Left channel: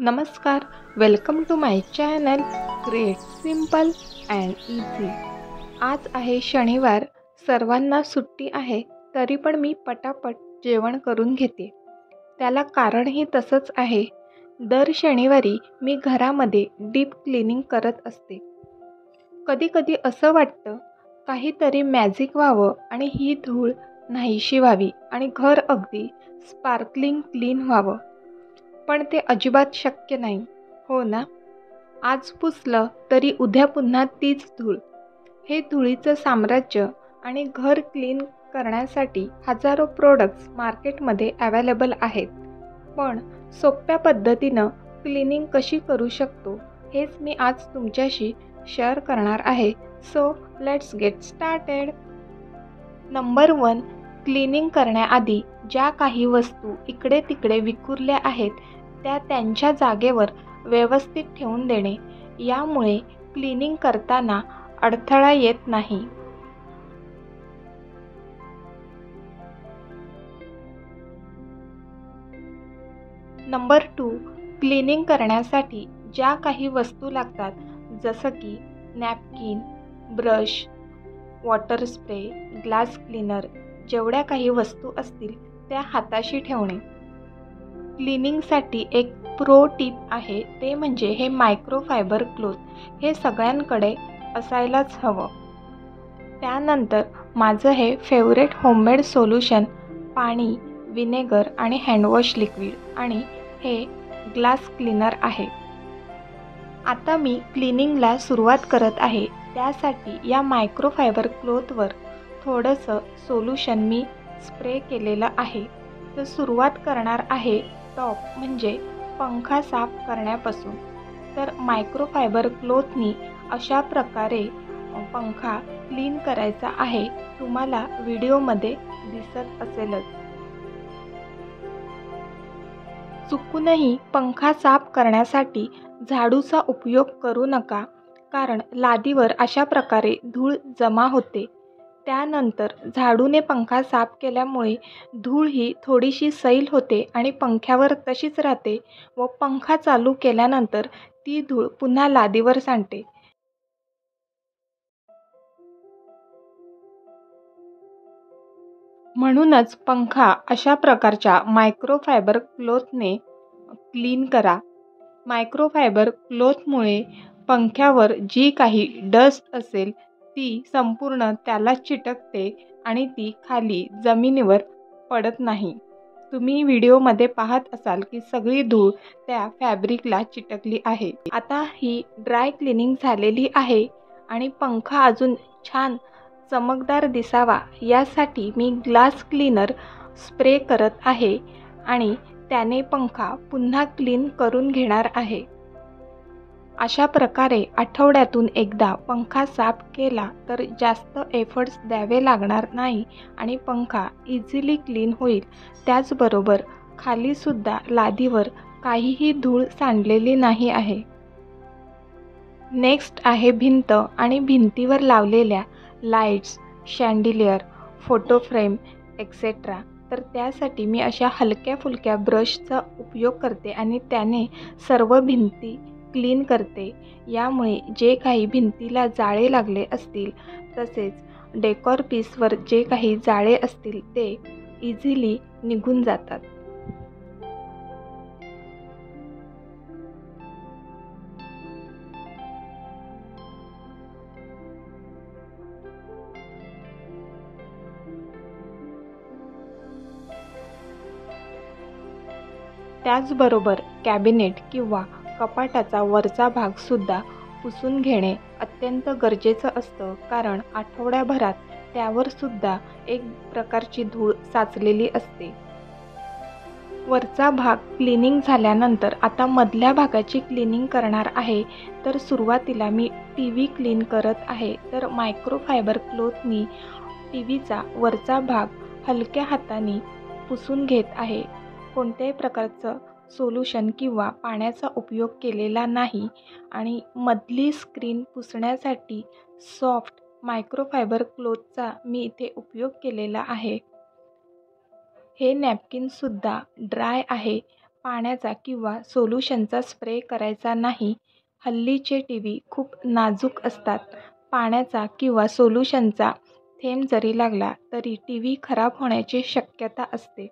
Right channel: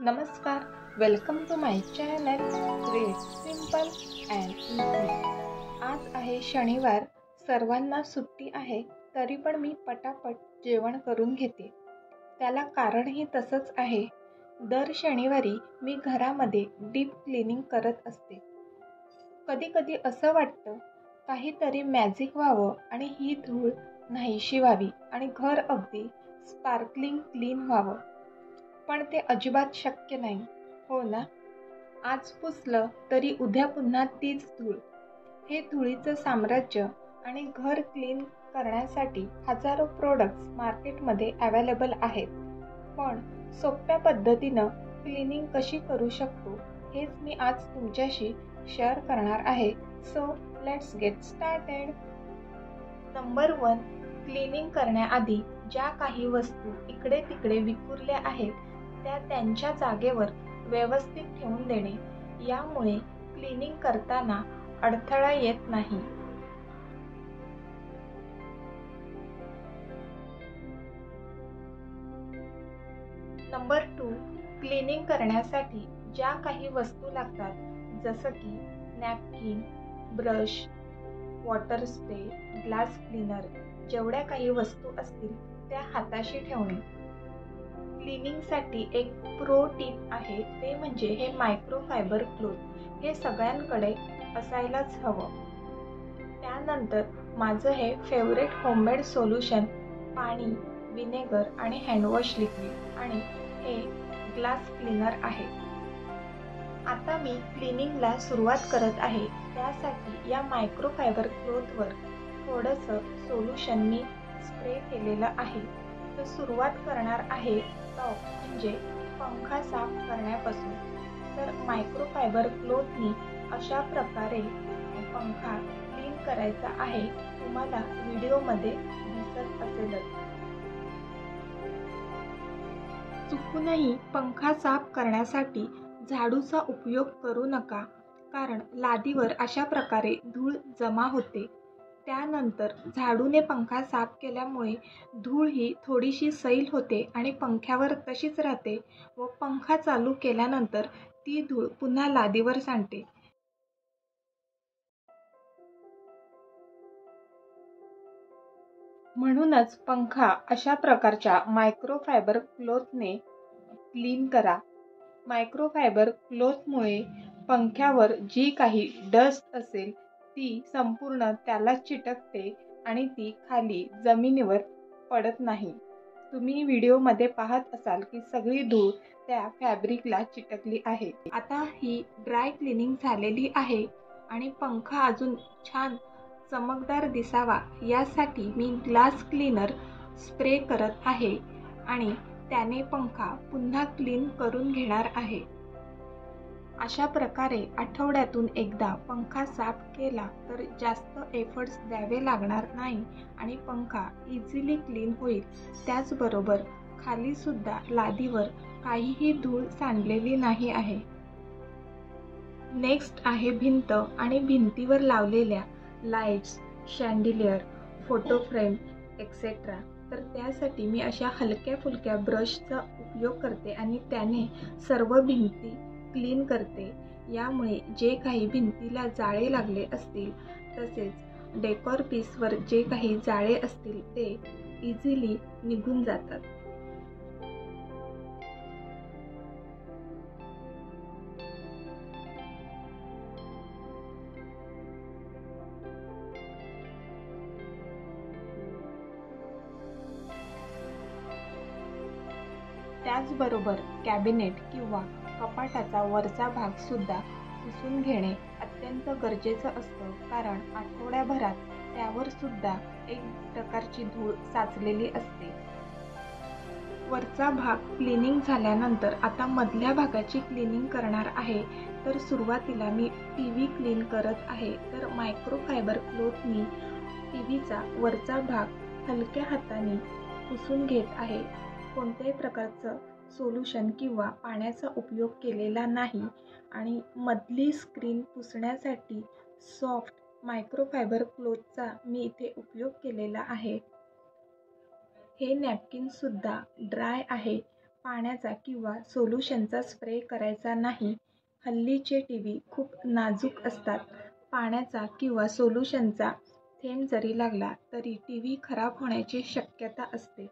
नमस्कार, welcome to my channel create simple and easy. आज आहे शनिवार, सर्वांना सुट्टी आहे, तरी पण मी पटापट जेवण करून घेते। त्याला कारणही तसंच आहे। दर शनिवारी मी घरामध्ये डीप क्लिनिंग करत असते। कधी कधी असं वाटतं काहीतरी मॅजिक व्हावं आणि ही धूळ नाहीशी व्हावी आणि घर अगदी स्पार्कलिंग क्लीन व्हावं, पण ते अजिबात शक्य नाही, हो ना? आज पुसलं तरी उद्या पुन्हा तीच धूळ। हे धुळीचं साम्राज्य आणि घर क्लीन करण्यासाठी हजारो प्रोडक्ट्स मार्केटमध्ये अवेलेबल आहेत, पण सोप्या पद्धतीनं क्लिनिंग कशी करू शकतो हेच मी आज तुमच्याशी शेअर करणार आहे। So let's get started. Number 1, cleaning करण्याआधी ज्या काही वस्तू इकडे तिकडे विखुरल्या आहेत त्या त्यांच्या जागेवर व्यवस्थित ठेवून देणे, यामुळे क्लिनिंग करताना अडथळा येत नाही। नंबर 2, क्लिनिंग करण्यासाठी ज्या काही वस्तू लागतात, जसं की napkin, brush, water spray, glass cleaner, जेवढ्या काही वस्तू असतील त्या हाताशी ठेवणे। क्लिनिंगसाठी एक प्रो टिप आहे, ते म्हणजे हे मायक्रोफायबर क्लॉथ। हे सगळ्यांकडे असायलाच हवं। त्यानंतर माझं हे फेवरेट होममेड सोल्युशन पाणी, विनेगर आणि हँडवॉश लिक्विड आणि हे ग्लास क्लीनर आहे। आता मी क्लिनिंगला सुरुवात करत आहे, त्यासाठी या मायक्रोफायबर क्लॉथवर थोडंसं सोल्युशन मी स्प्रे केलेलं आहे। तर सुरुवात करणार आहे टॉप म्हणजे पंखा साफ करण्यापासून। तर मायक्रोफायबर क्लॉथनी अशा प्रकारे पंखा क्लीन करायचा आहे, तुम्हाला व्हिडिओमध्ये दिसत असेलच। चुकूनही पंखा साफ करण्यासाठी झाडूचा उपयोग करू नका, कारण लादीवर अशा प्रकारे धूळ जमा होते। त्यानंतर झाडूने पंखा साफ केल्यामुळे धूळ ही थोडीशी सैल होते आणि पंख्यावर तशीच राहते व पंखा चालू केल्यानंतर ती धूळ पुन्हा लादीवर सांडते। म्हणूनच पंखा अशा प्रकारच्या मायक्रोफायबर क्लॉथने क्लीन करा। मायक्रोफायबर क्लॉथमुळे पंख्यावर जी काही डस्ट असेल ती संपूर्ण त्याला चिटकते आणि ती खाली जमिनीवर पडत नाही। तुम्ही व्हिडिओमध्ये पाहत असाल की सगळी धूळ त्या फॅब्रिकला चिटकली आहे। आता ही ड्राय क्लिनिंग झालेली आहे आणि पंखा अजून छान चमकदार दिसावा यासाठी मी ग्लास क्लीनर स्प्रे करत आहे आणि त्याने पंखा पुन्हा क्लीन करून घेणार आहे। अशा प्रकारे आठवड्यातून एकदा पंखा साफ केला तर जास्त एफर्ट्स द्यावे लागणार नाही आणि पंखा इझिली क्लीन होईल। त्याचबरोबर खाली सुद्धा लादीवर काहीही धूळ सांडलेली नाही आहे। नेक्स्ट आहे भिंत आणि भिंतीवर लावलेल्या लाईट्स, शँडिलियर, फोटो फ्रेम एक्सेट्रा। तर त्यासाठी मी अशा हलक्या फुलक्या ब्रशचा उपयोग करते आणि त्याने सर्व भिंती क्लीन करते। यामुळे जे काही भिंतीला जाळे लागले असतील तसेच डेकॉर पीसवर जे काही जाळे असतील ते इझिली निघून जातात। त्याचबरोबर कॅबिनेट किंवा कपाटाचा वरचा भाग सुद्धा पुसून घेणे अत्यंत गरजेचं असतं, कारण आठवड्याभरात त्यावर सुद्धा एक प्रकारची धूळ साचलेली असते। वरचा भाग क्लिनिंग झाल्यानंतर आता मधल्या भागाची क्लिनिंग करणार आहे। तर सुरुवातीला मी टीव्ही क्लीन करत आहे। तर मायक्रोफायबर क्लॉथनी टीव्हीचा वरचा भाग हलक्या हाताने पुसून घेत आहे। कोणत्याही प्रकारचं सोल्युशन किंवा पाण्याचा उपयोग केलेला नाही आणि मधली स्क्रीन पुसण्यासाठी सॉफ्ट मायक्रोफायबर क्लॉथचा मी इथे उपयोग केलेला आहे। हे नॅपकिनसुद्धा ड्राय आहे, पाण्याचा किंवा सोल्युशनचा स्प्रे करायचा नाही. हल्लीचे टीव्ही खूप नाजूक असतात. पाण्याचा किंवा सोल्युशनचा थेंब जरी लागला तरी टीव्ही खराब होण्याची शक्यता असते.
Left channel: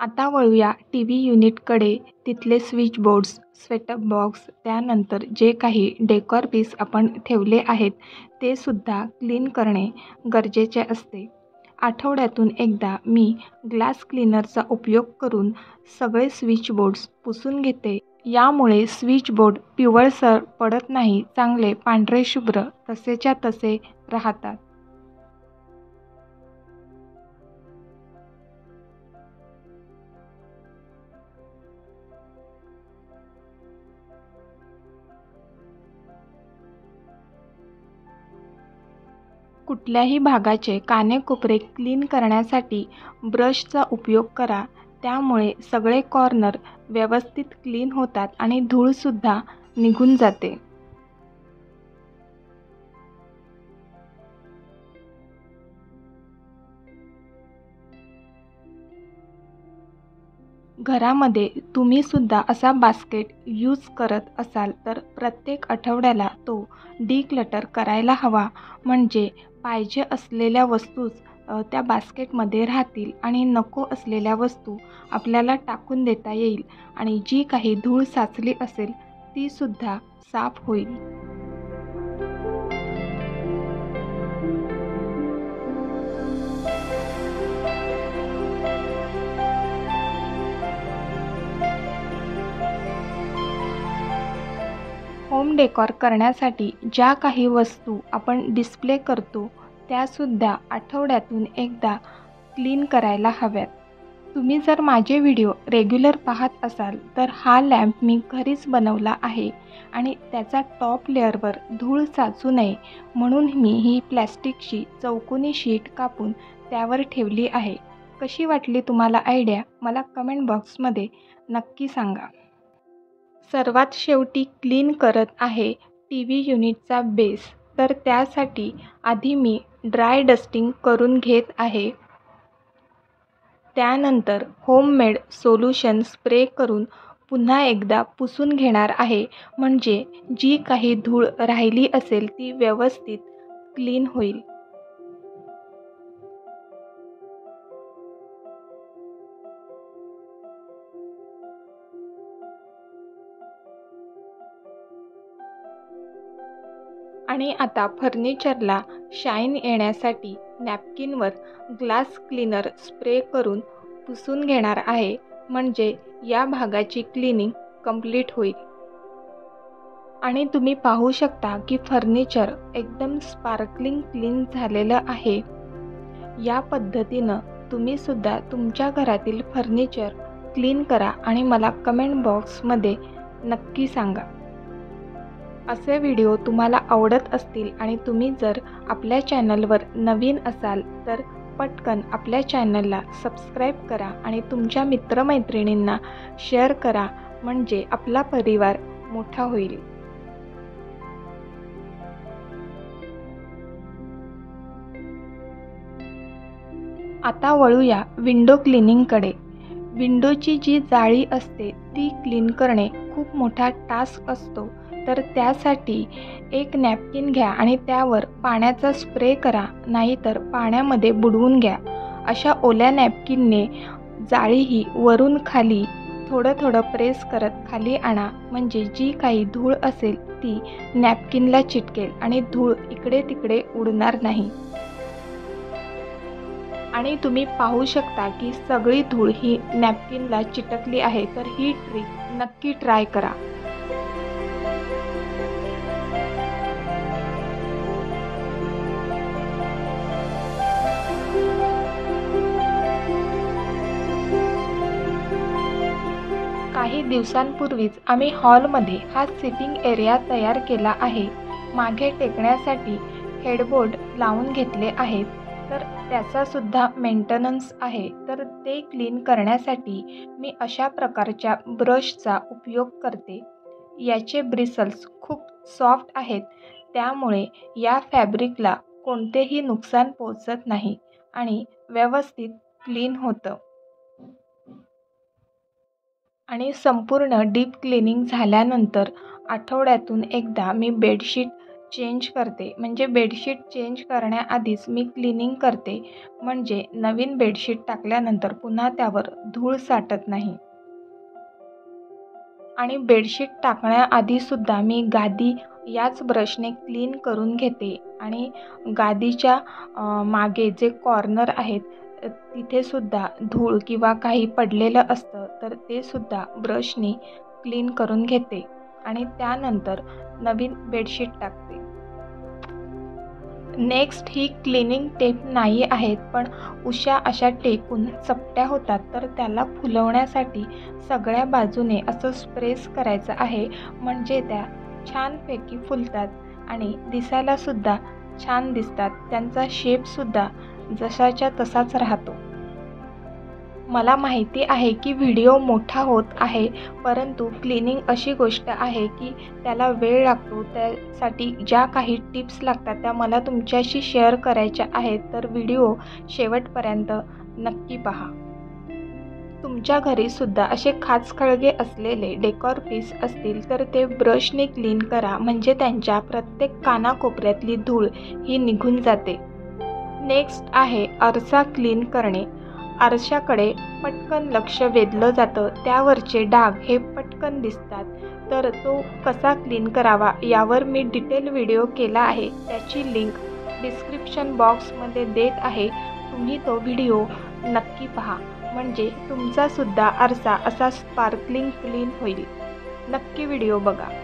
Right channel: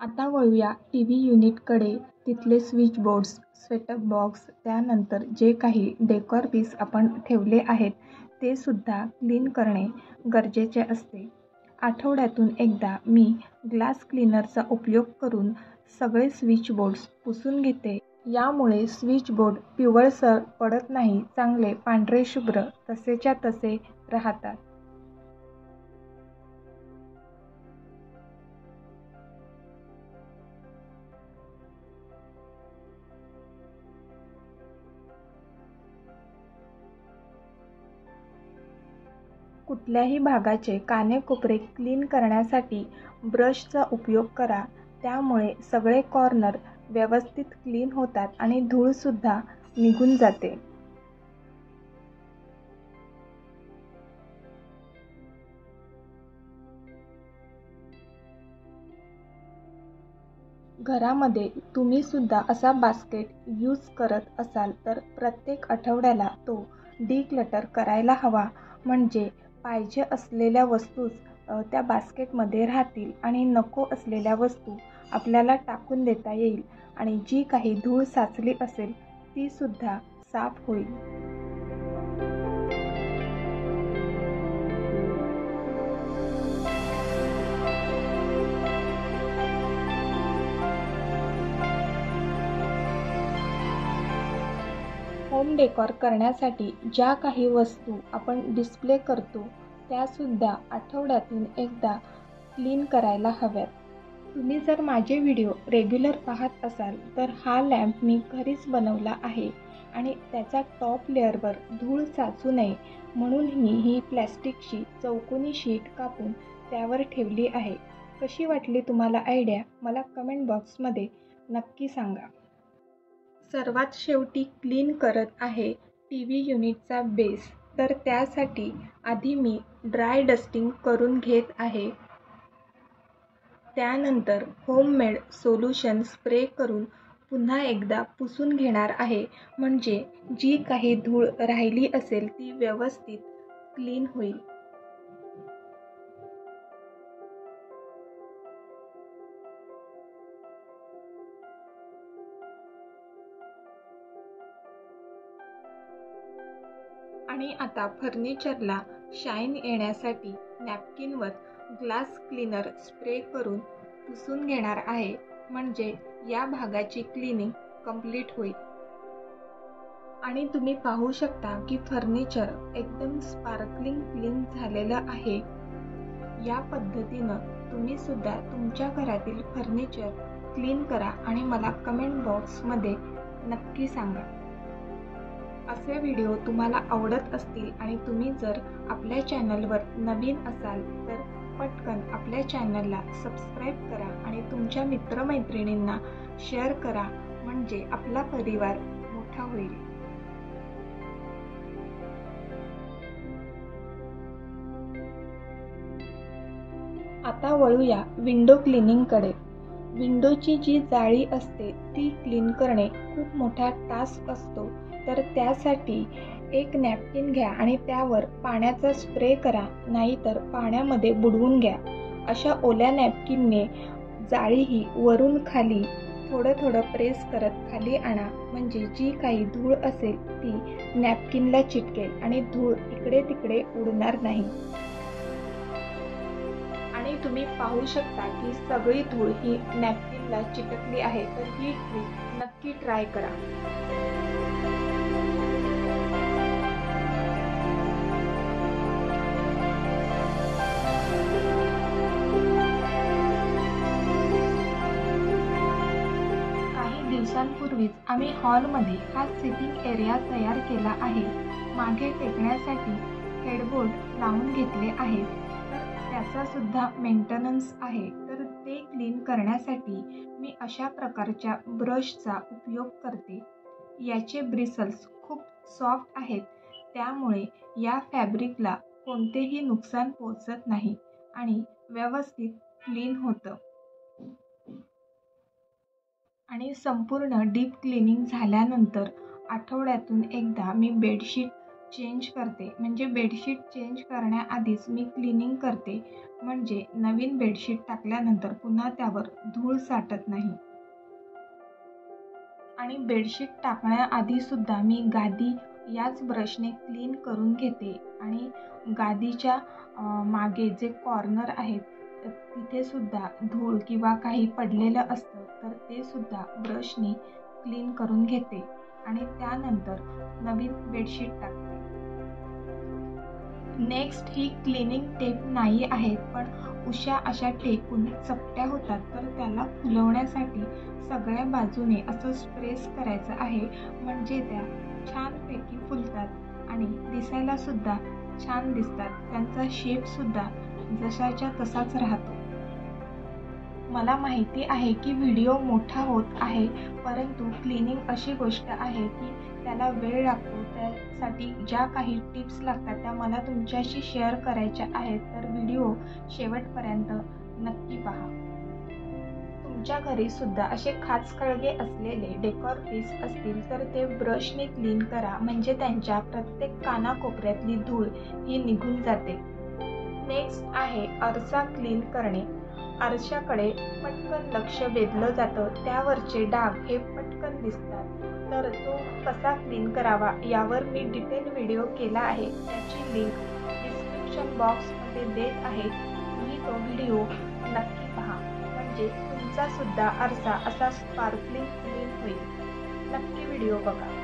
आता वळूया टीव्ही युनिटकडे. तिथले स्विच बोर्ड्स, सेटअप बॉक्स, त्यानंतर जे काही डेकोर पीस आपण ठेवले आहेत ते सुद्धा क्लीन करणे गरजेचे असते. आठवड्यातून एकदा मी ग्लास क्लीनरचा उपयोग करून सगळे स्विच बोर्ड्स पुसून घेते. यामुळे स्विच बोर्ड पिवळसर पडत नाही, चांगले पांढरे शुभ्र तसेच्या तसे राहतात. कुठल्याही भागाचे कानेकोपरे क्लीन करण्यासाठी ब्रशचा उपयोग करा. त्यामुळे सगळे कॉर्नर व्यवस्थित क्लीन होतात आणि धूळसुद्धा निघून जाते. घरामध्ये तुम्ही सुद्धा असा बास्केट यूज करत असाल तर प्रत्येक आठवड्याला तो डिक्लटर करायला हवा. म्हणजे पाहिजे असलेल्या वस्तूच त्या बास्केटमध्ये राहतील आणि नको असलेल्या वस्तू आपल्याला टाकून देता येईल आणि जी काही धूळ साचली असेल ती सुद्धा साफ होईल. होम डेकॉर करण्यासाठी ज्या काही वस्तू आपण डिस्प्ले करतो त्यासुद्धा आठवड्यातून एकदा क्लीन करायला हव्यात. तुम्ही जर माझे व्हिडिओ रेग्युलर पाहत असाल तर हा लॅम्प मी घरीच बनवला आहे आणि त्याचा टॉप लेअरवर धूळ साचू नये म्हणून मी ही प्लॅस्टिकची चौकोनी शीट कापून त्यावर ठेवली आहे. कशी वाटली तुम्हाला आयडिया? मला कमेंट बॉक्समध्ये नक्की सांगा. सर्वात शेवटी क्लीन करत आहे टीव्ही युनिटचा बेस. तर त्यासाठी आधी मी ड्राय डस्टिंग करून घेत आहे. त्यानंतर होममेड सोल्युशन स्प्रे करून पुन्हा एकदा पुसून घेणार आहे. म्हणजे जी काही धूळ राहिली असेल ती व्यवस्थित क्लीन होईल. आणि आता फर्निचरला शाईन येण्यासाठी नॅपकिनवर ग्लास क्लीनर स्प्रे करून पुसून घेणार आहे. म्हणजे या भागाची क्लिनिंग कंप्लीट होईल. आणि तुम्ही पाहू शकता की फर्निचर एकदम स्पार्कलिंग क्लीन झालेलं आहे. या पद्धतीनं तुम्ही सुद्धा तुमच्या घरातील फर्निचर क्लीन करा आणि मला कमेंट बॉक्समध्ये नक्की सांगा. असे व्हिडिओ तुम्हाला आवडत असतील आणि तुम्ही जर आपल्या चॅनलवर नवीन असाल तर पटकन आपल्या चॅनलला सबस्क्राईब करा आणि तुमच्या मित्रमैत्रिणींना शेअर करा. म्हणजे आपला परिवार मोठा होईल. आता वळूया विंडो क्लिनिंगकडे. विंडोची जी जाळी असते ती क्लीन करणे खूप मोठा टास्क असतो. तर त्यासाठी एक नॅपकिन घ्या आणि त्यावर पाण्याचा स्प्रे करा, नाहीतर पाण्यामध्ये बुडवून घ्या. अशा ओल्या नॅपकिनने जाळी ही वरून खाली थोडं थोडं प्रेस करत खाली आणा. म्हणजे जी काही धूळ असेल ती नॅपकिनला चिटकेल आणि धूळ इकडे तिकडे उडणार नाही. आणि तुम्ही पाहू शकता की सगळी धूळ ही नॅपकिनला चिटकली आहे. तर ही ट्रिक नक्की ट्राय करा. काही दिवसांपूर्वीच आम्ही हॉलमध्ये हा सिटिंग एरिया तयार केला आहे. मागे टेकण्यासाठी हेडबोर्ड लावून घेतले आहेत. तर त्याचासुद्धा मेंटेनन्स आहे. तर ते क्लीन करण्यासाठी मी अशा प्रकारच्या ब्रशचा उपयोग करते. याचे ब्रिसल्स खूप सॉफ्ट आहेत. त्यामुळे या फॅब्रिकला कोणतेही नुकसान पोहोचत नाही आणि व्यवस्थित क्लीन होतं. आणि संपूर्ण डीप क्लिनिंग झाल्यानंतर आठवड्यातून एकदा मी बेडशीट चेंज करते. म्हणजे बेडशीट चेंज करण्याआधीच मी क्लिनिंग करते, म्हणजे नवीन बेडशीट टाकल्यानंतर पुन्हा त्यावर धूळ साठत नाही. आणि बेडशीट टाकण्याआधीसुद्धा मी गादी याच ब्रशने क्लीन करून घेते. आणि गादीच्या मागे जे कॉर्नर आहेत तिथेसुद्धा धूळ किंवा काही पडलेलं असतं तर ते सुद्धा ब्रशने क्लीन करून घेते आणि त्यानंतर नवीन बेडशीट टाकते. नेक्स्ट ही क्लिनिंग टेप नाही आहेत, पण उशा अशा टेपून चपट्या होतात, तर त्याला फुलवण्यासाठी सगळ्या बाजूने असं प्रेस करायचं आहे, म्हणजे त्या छानपैकी फुलतात आणि दिसायलासुद्धा छान दिसतात. त्यांचा शेपसुद्धा जशाच्या तसाच राहतो. मला माहिती आहे की व्हिडिओ मोठा होत आहे, परंतु क्लिनिंग अशी गोष्ट आहे की त्याला वेळ लागतो. त्यासाठी ज्या काही टिप्स लागतात त्या मला तुमच्याशी शेअर करायच्या आहेत, तर व्हिडिओ शेवटपर्यंत नक्की पहा. तुमच्या घरीसुद्धा असे खाचखळगे असलेले डेकॉर पीस असतील तर ते ब्रशने क्लीन करा, म्हणजे त्यांच्या प्रत्येक कानाकोपऱ्यातली धूळ ही निघून जाते. नेक्स्ट आहे आरसा क्लीन करणे. आरशाकडे पटकन लक्ष वेधलं जातं, त्यावरचे डाग हे पटकन दिसतात. तर तो कसा क्लीन करावा यावर मी डिटेल व्हिडिओ केला आहे, त्याची लिंक डिस्क्रिप्शन बॉक्समध्ये देत आहे. तुम्ही तो व्हिडिओ नक्की पहा, म्हणजे तुमचासुद्धा आरसा असा स्पार्कलिंग क्लीन होईल. नक्की व्हिडिओ बघा.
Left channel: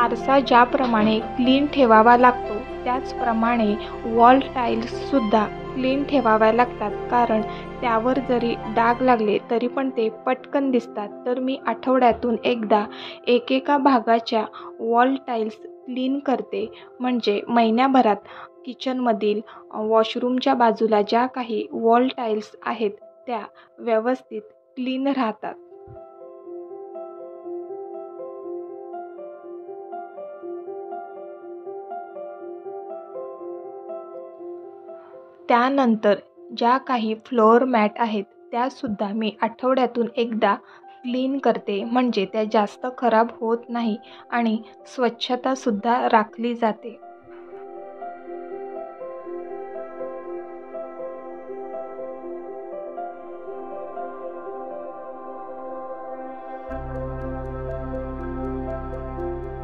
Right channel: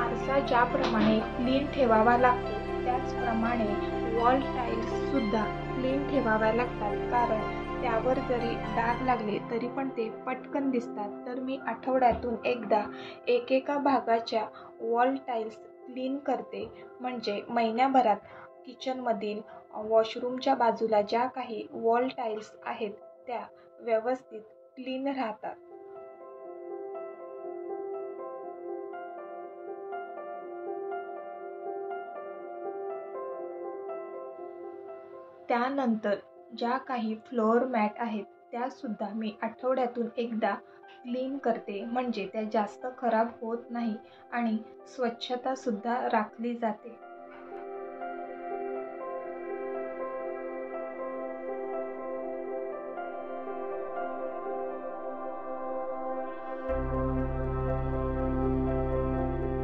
आरसा ज्याप्रमाणे क्लीन ठेवावा लागतो त्याचप्रमाणे वॉल टाईल्ससुद्धा क्लीन ठेवाव्या लागतात, कारण त्यावर जरी डाग लागले तरी पण ते पटकन दिसतात. तर मी आठवड्यातून एकदा एकेका भागाच्या वॉल टाईल्स क्लीन करते, म्हणजे महिन्याभरात किचनमधील वॉशरूमच्या बाजूला ज्या काही वॉल टाईल्स आहेत त्या व्यवस्थित क्लीन राहतात. त्यानंतर ज्या काही फ्लोअर मॅट आहेत त्यासुद्धा मी आठवड्यातून एकदा क्लीन करते, म्हणजे त्या जास्त खराब होत नाही आणि स्वच्छतासुद्धा राखली जाते.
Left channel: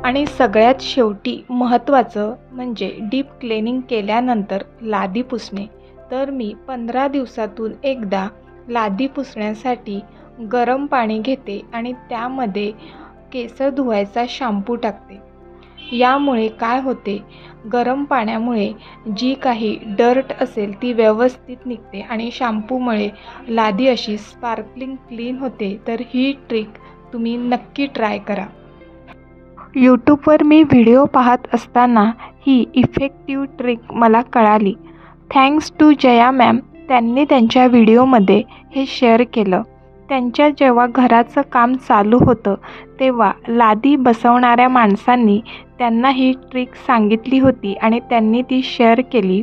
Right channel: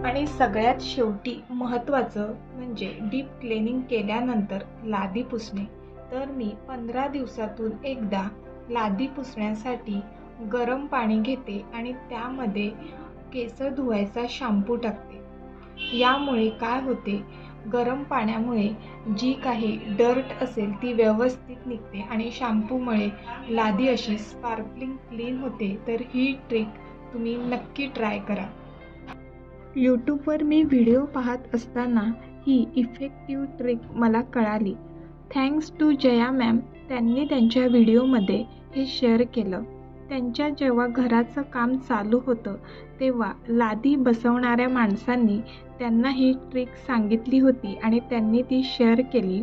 आणि सगळ्यात शेवटी महत्त्वाचं म्हणजे डीप क्लिनिंग केल्यानंतर लादी पुसणे. तर मी 15 दिवसातून एकदा लादी पुसण्यासाठी गरम पाणी घेते आणि त्यामध्ये केस धुवायचा शॅम्पू टाकते. यामुळे काय होते, गरम पाण्यामुळे जी काही डर्ट असेल ती व्यवस्थित निघते आणि शॅम्पूमुळे लादी अशी स्पार्कलिंग क्लीन होते. तर ही ट्रिक तुम्ही नक्की ट्राय करा. यूट्यूबवर मी व्हिडिओ पाहत असताना ही इफेक्टिव्ह ट्रिक मला कळाली. थँक्स टू जया मॅम, त्यांनी त्यांच्या व्हिडिओमध्ये हे शेअर केलं. त्यांच्या जेव्हा घराचं काम चालू होतं तेव्हा लादी बसवणाऱ्या माणसांनी त्यांना ही ट्रिक सांगितली होती आणि त्यांनी ती शेअर केली.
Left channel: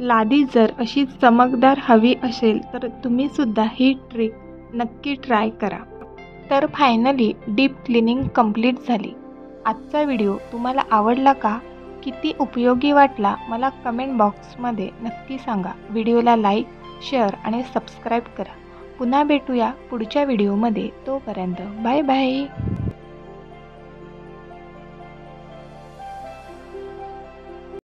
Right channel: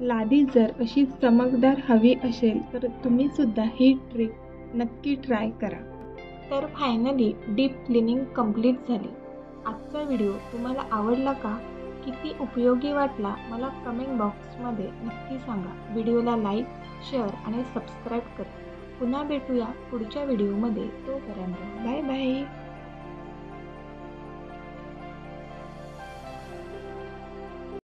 लादी जर अशी चमकदार हवी असेल तर तुम्हीसुद्धा ही ट्रिक नक्की ट्राय करा. तर फायनली डीप क्लिनिंग कंप्लीट झाली. आजचा व्हिडिओ तुम्हाला आवडला का? किती उपयोगी वाटला मला कमेंट बॉक्समध्ये नक्की सांगा. व्हिडिओला लाईक, शेअर आणि सबस्क्राईब करा. पुन्हा भेटूया पुढच्या व्हिडिओमध्ये. तोपर्यंत बाय बाय.